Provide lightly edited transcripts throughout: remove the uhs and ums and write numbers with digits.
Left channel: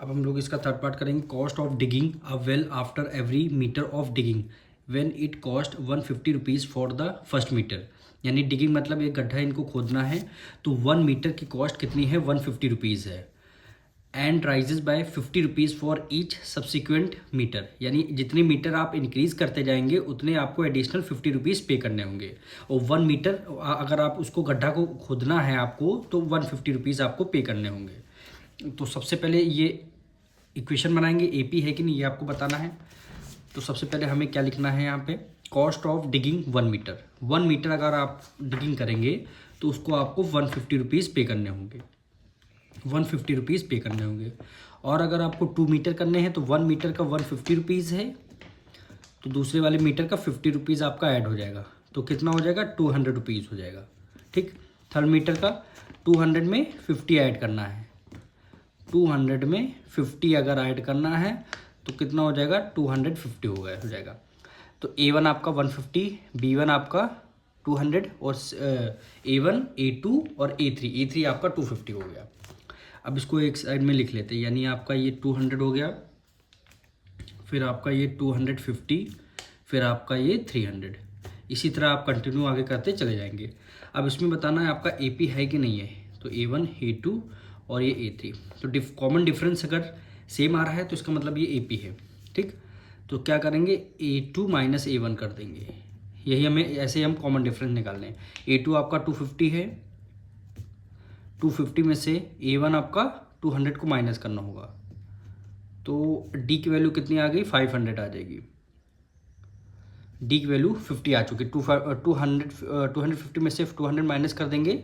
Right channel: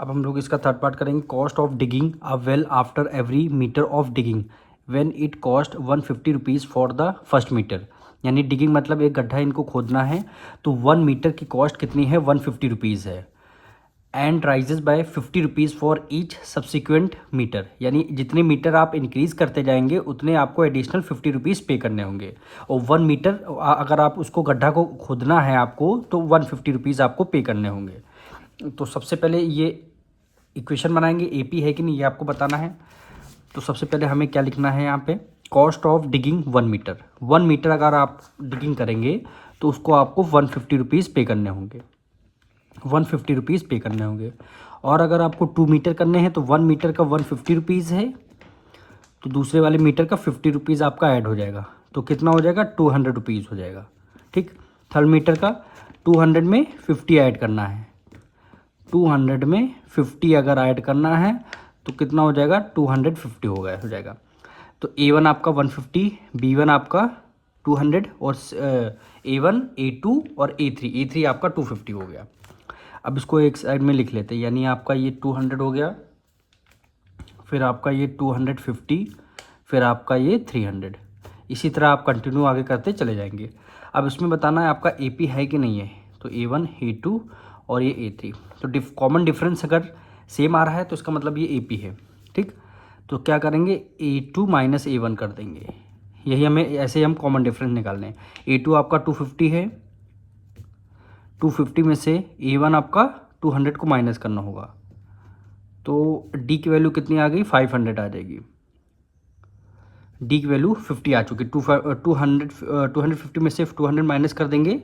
अब हम लोग इसका थर्ड पार्ट करेंगे। Cost of digging a well after every metre of digging when it cost 150 rupees for the first metre. यानी digging मतलब एक गड्ढा इनको खोदना है, तो 1 मीटर की कॉस्ट कितनी है, 150 रुपीज़ है। And rises by 50 rupees for each subsequent metre. यानी जितने मीटर आप इंक्रीज़ करते जाएंगे उतने आपको एडिशनल 50 रुपीज़ पे करने होंगे। और 1 मीटर अगर आप उसको गड्ढा को खोदना है आपको, तो 150 रुपीज़ आपको पे करने होंगे। तो सबसे पहले ये इक्वेशन बनाएंगे, एपी है कि नहीं ये आपको बताना है। तो सबसे पहले हमें क्या लिखना है यहाँ पे, cost of digging 1 metre. 1 metre अगर आप डिगिंग करेंगे तो उसको आपको 150 रुपीज़ पे करने होंगे, 150 रुपीज़ पे करने होंगे। और अगर आपको 2 मीटर करने हैं तो 1 मीटर का 150 रुपीज़ है, तो दूसरे वाले मीटर का 50 रुपीज़ आपका ऐड हो जाएगा, तो कितना हो जाएगा, 200 रुपीज़ हो जाएगा। ठीक, थर्ड मीटर का 200 में 50 ऐड करना है, 200 में 50 अगर ऐड करना है तो कितना हो जाएगा, 250 हो जाएगा। तो A1 आपका 150, B1 आपका 200 और A1 A2 और A3 आपका 250 हो गया। अब इसको एक साइड में लिख लेते हैं, यानी आपका ये 200 हो गया, फिर आपका ये 250, फिर आपका ये 300। इसी तरह आप कंटिन्यू आगे करते चले जाएंगे। अब इसमें बताना है आपका AP है कि नहीं है, तो A1 A2 और ये A3। तो कॉमन डिफरेंस अगर सेम आ रहा है तो इसका मतलब ये AP है। ठीक, तो क्या करेंगे, A2 माइनस A1 कर देंगे, यही हमें ऐसे ही हम कॉमन डिफरेंस निकालने हैं। A2 आपका 250 है, 250 में से A1 आपका 200 को माइनस करना होगा, तो D की वैल्यू कितनी आ गई, 500 आ जाएगी। D की वैल्यू 50 आ चुकी। 250 में से 200 माइनस कर देंगे,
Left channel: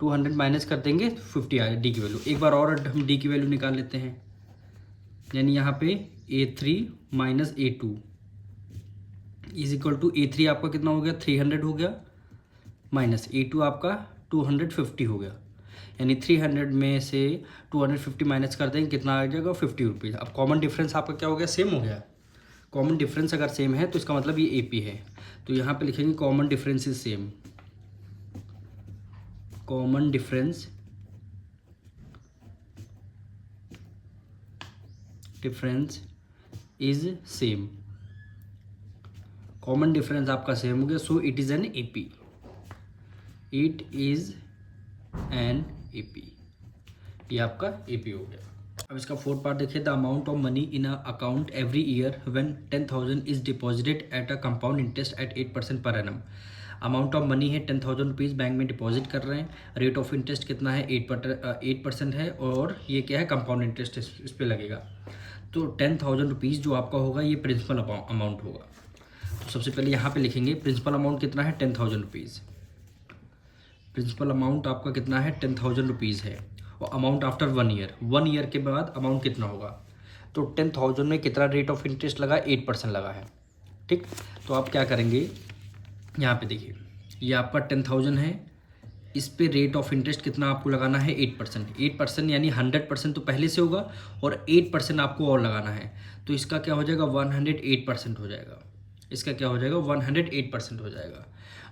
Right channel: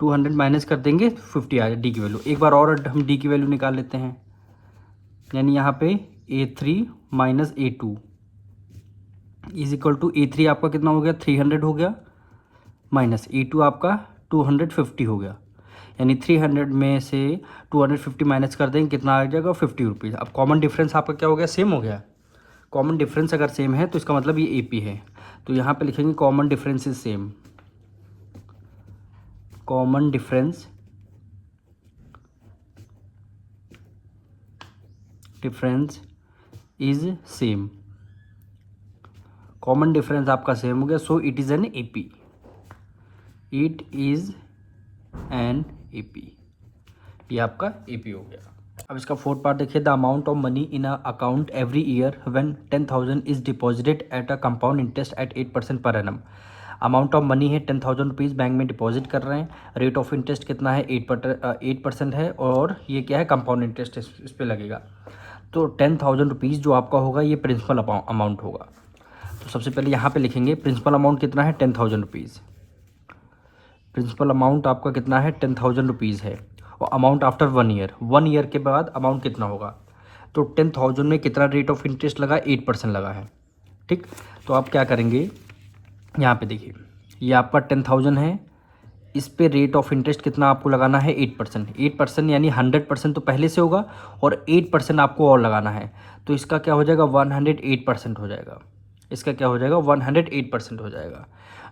200 माइनस कर देंगे, 50 आ जाए D की वैल्यू। एक बार और हम D की वैल्यू निकाल लेते हैं, यानी यहाँ पे A3 minus A2 is equal to A3 आपका कितना हो गया, 300 हो गया, माइनस A2 आपका 250 हो गया। यानी 300 में से 250 माइनस कर देंगे, कितना आ जाएगा, 50 रुपीज़। अब कॉमन डिफरेंस आपका क्या हो गया, सेम हो गया। कॉमन डिफरेंस अगर सेम है तो इसका मतलब ये AP है। तो यहाँ पे लिखेंगे common difference is same, common difference is same, common difference आपका सेम हो गया, so it is an AP, it is an AP, ये आपका AP हो गया। अब इसका फोर्थ पार्ट देखिए, the amount of money in a account every year when 10,000 is deposited at a compound interest eight 8% per annum. Amount of money है 10,000 rupees, bank में deposit कर रहे हैं, रेट ऑफ इंटरेस्ट कितना है, 8% है, और ये क्या है, कंपाउंड इंटरेस्ट इस पर लगेगा। तो 10,000 रुपीज़ जो आपका होगा ये प्रिंसिपल अमाउंट होगा। तो सबसे पहले यहाँ पे लिखेंगे प्रिंसिपल अमाउंट कितना है, 10,000 रुपीज़। प्रिंसिपल अमाउंट आपका कितना है, 10,000 रुपीज़ है। और अमाउंट आफ्टर 1 ईयर, 1 ईयर के बाद अमाउंट कितना होगा, तो 10,000 में कितना रेट ऑफ इंटरेस्ट लगा, 8% लगा है। ठीक, तो आप क्या करेंगे, यहाँ पे देखिए, ये आपका 10,000 है, इस पे रेट ऑफ इंटरेस्ट कितना आपको लगाना है, 8%। 8% यानी 100% तो पहले से होगा, और 8% आपको और लगाना है, तो इसका क्या हो जाएगा, 108% हो जाएगा। इसका क्या हो जाएगा, 108% हो जाएगा।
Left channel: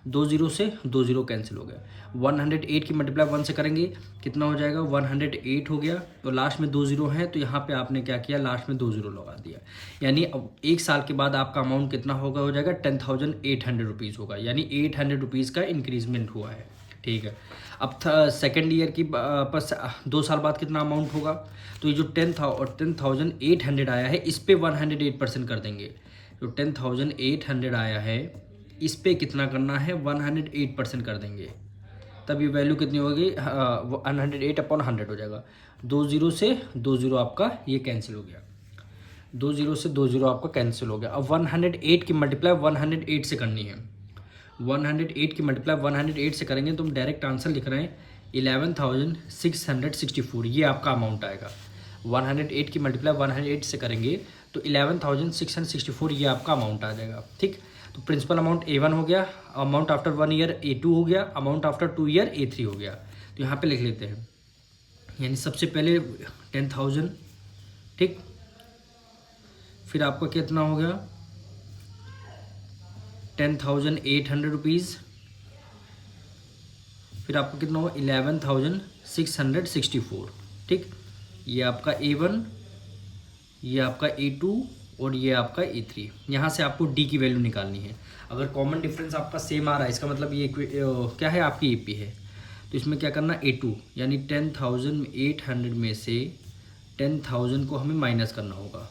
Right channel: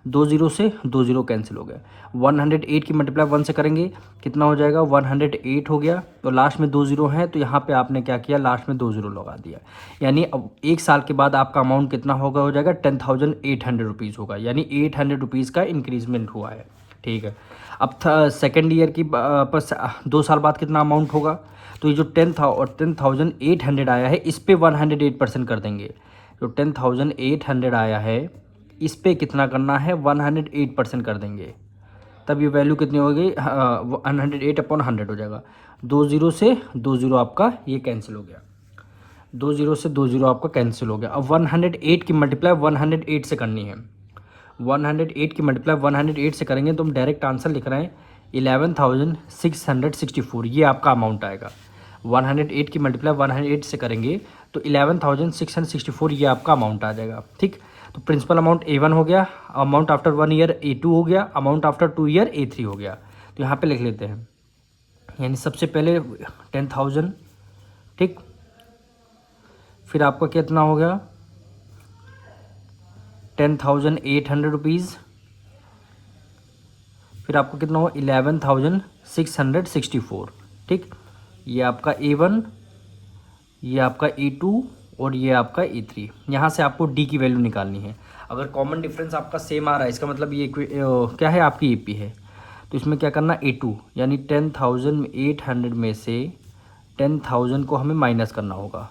2 जीरो से 2 जीरो कैंसिल हो गया, 108 की मल्टीप्लाई 1 से करेंगे, कितना हो जाएगा, 108 हो गया। तो लास्ट में 2 जीरो है, तो यहाँ पे आपने क्या किया, लास्ट में 2 जीरो लगा दिया। यानी अब 1 साल के बाद आपका अमाउंट कितना होगा, हो जाएगा 10,800 रुपीज़ होगा, यानी 800 रुपीज़ का इंक्रीजमेंट हुआ है। ठीक है, अब सेकेंड ईयर की पर 2 साल बाद कितना अमाउंट होगा, तो ये जो 10,800 आया है इस पे 108% कर देंगे। जो 10,800 आया है इस पे कितना करना है, 108% कर देंगे, तब ये वैल्यू कितनी होगी, 108/100 हो जाएगा। 2 जीरो से 2 जीरो आपका ये कैंसिल हो गया, 2 जीरो से 2 जीरो आपका कैंसिल हो गया। अब 108 की मल्टीप्लाई 108 से करनी है, 108 की मल्टीप्लाई 108 से करेंगे तो हम डायरेक्ट आंसर लिख रहे हैं 11,664, ये आपका अमाउंट आएगा। 108 की मल्टीप्लाई 108 से करेंगे तो 11,664 ये आपका अमाउंट आ जाएगा। ठीक, तो प्रिंसिपल अमाउंट A1 हो गया, अमाउंट आफ्टर 1 ईयर A2 हो गया, अमाउंट आफ्टर 2 ईयर A3 हो गया। तो यहाँ पे लिख लेते हैं, यानी सबसे पहले 10,000, ठीक, फिर आपका कितना हो गया, 10,800 रुपीज़, फिर आपको कितना हो, 11,664। ठीक, ये आपका A1, ये आपका A2 और ये आपका A3। यहाँ से आपको D की वैल्यू निकालनी है। अगर कॉमन डिफरेंस आपका सेम आ रहा है इसका मतलब ये क्या है, आपकी AP है। तो इसमें क्या करना, A2 यानी 10,800 में से 10,000 को हमें माइनस करना होगा,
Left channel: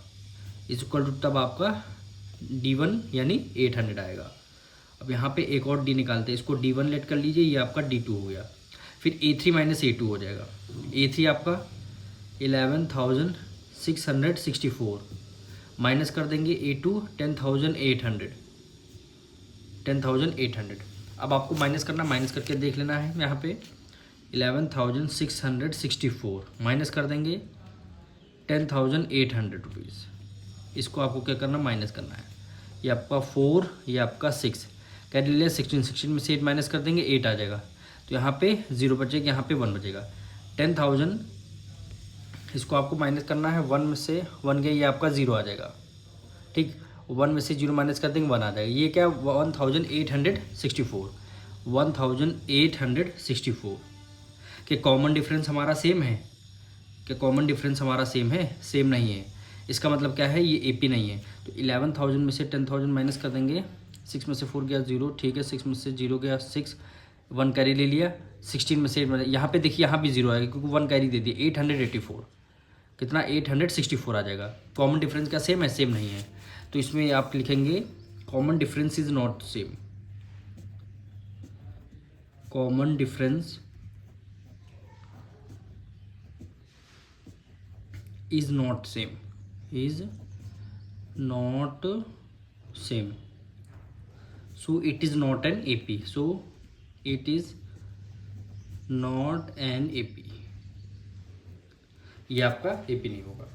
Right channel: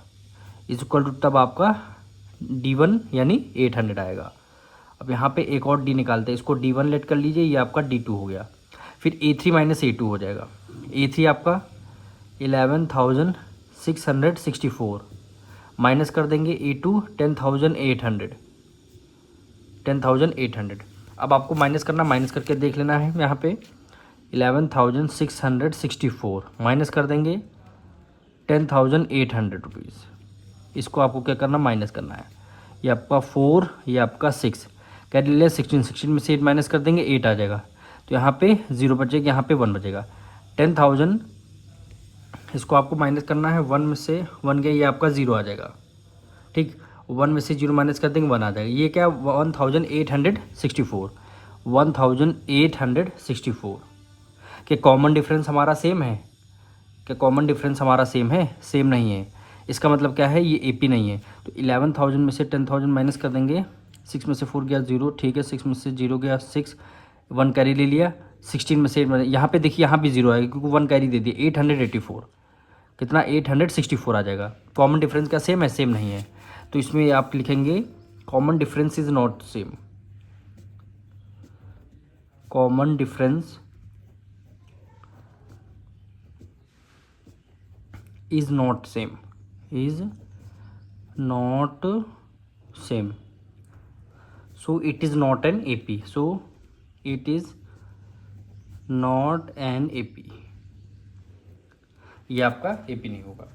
इज इक्वल टू तब आपका D1 यानी 800 आएगा। अब यहाँ पे एक और D निकालते हैं, इसको D1 लेट कर लीजिए, ये आपका D2 हो गया। फिर A3 माइनस A2 हो जाएगा। A3 आपका 11,664 माइनस कर देंगे A2 10,800। अब आपको माइनस करना, माइनस करके देख लेना है। यहाँ पे 11,664 माइनस कर देंगे 10,800 रुपीज़। इसको आपको क्या करना, माइनस करना है। ये आपका 4, ये आपका 6, कैरी ले 16 में से 8 माइनस कर देंगे, 8 आ जाएगा। तो यहाँ पे 0 बचेगा, यहाँ पे 1 बचेगा। 10,000 इसको आपको माइनस करना है, 1 में से 1 गया, ये आपका 0 आ जाएगा। ठीक, 1 में से 0 माइनस कर देंगे, 1 आ जाएगा। ये क्या, 1864 कि कॉमन डिफरेंस हमारा सेम है, क्या कॉमन डिफरेंस हमारा सेम है, सेम नहीं है। इसका मतलब क्या है, ये AP नहीं है। तो 11,000 में से 10,000 माइनस कर देंगे, 6 में से 4 गया 0, ठीक है, 6 में से 0 गया 6, 1 कैरी ले लिया, 16 में से यहाँ पे देखिए, यहाँ भी 0 आएगा क्योंकि 1 कैरी दे दिया। 884 कितना, 864 आ जाएगा। कॉमन डिफरेंस क्या सेम है, सेम नहीं है। तो इसमें आप लिखेंगे common difference is not same, common difference is not same, is not same, so it is not an AP, so it is not an AP। ये आपका AP नहीं होगा।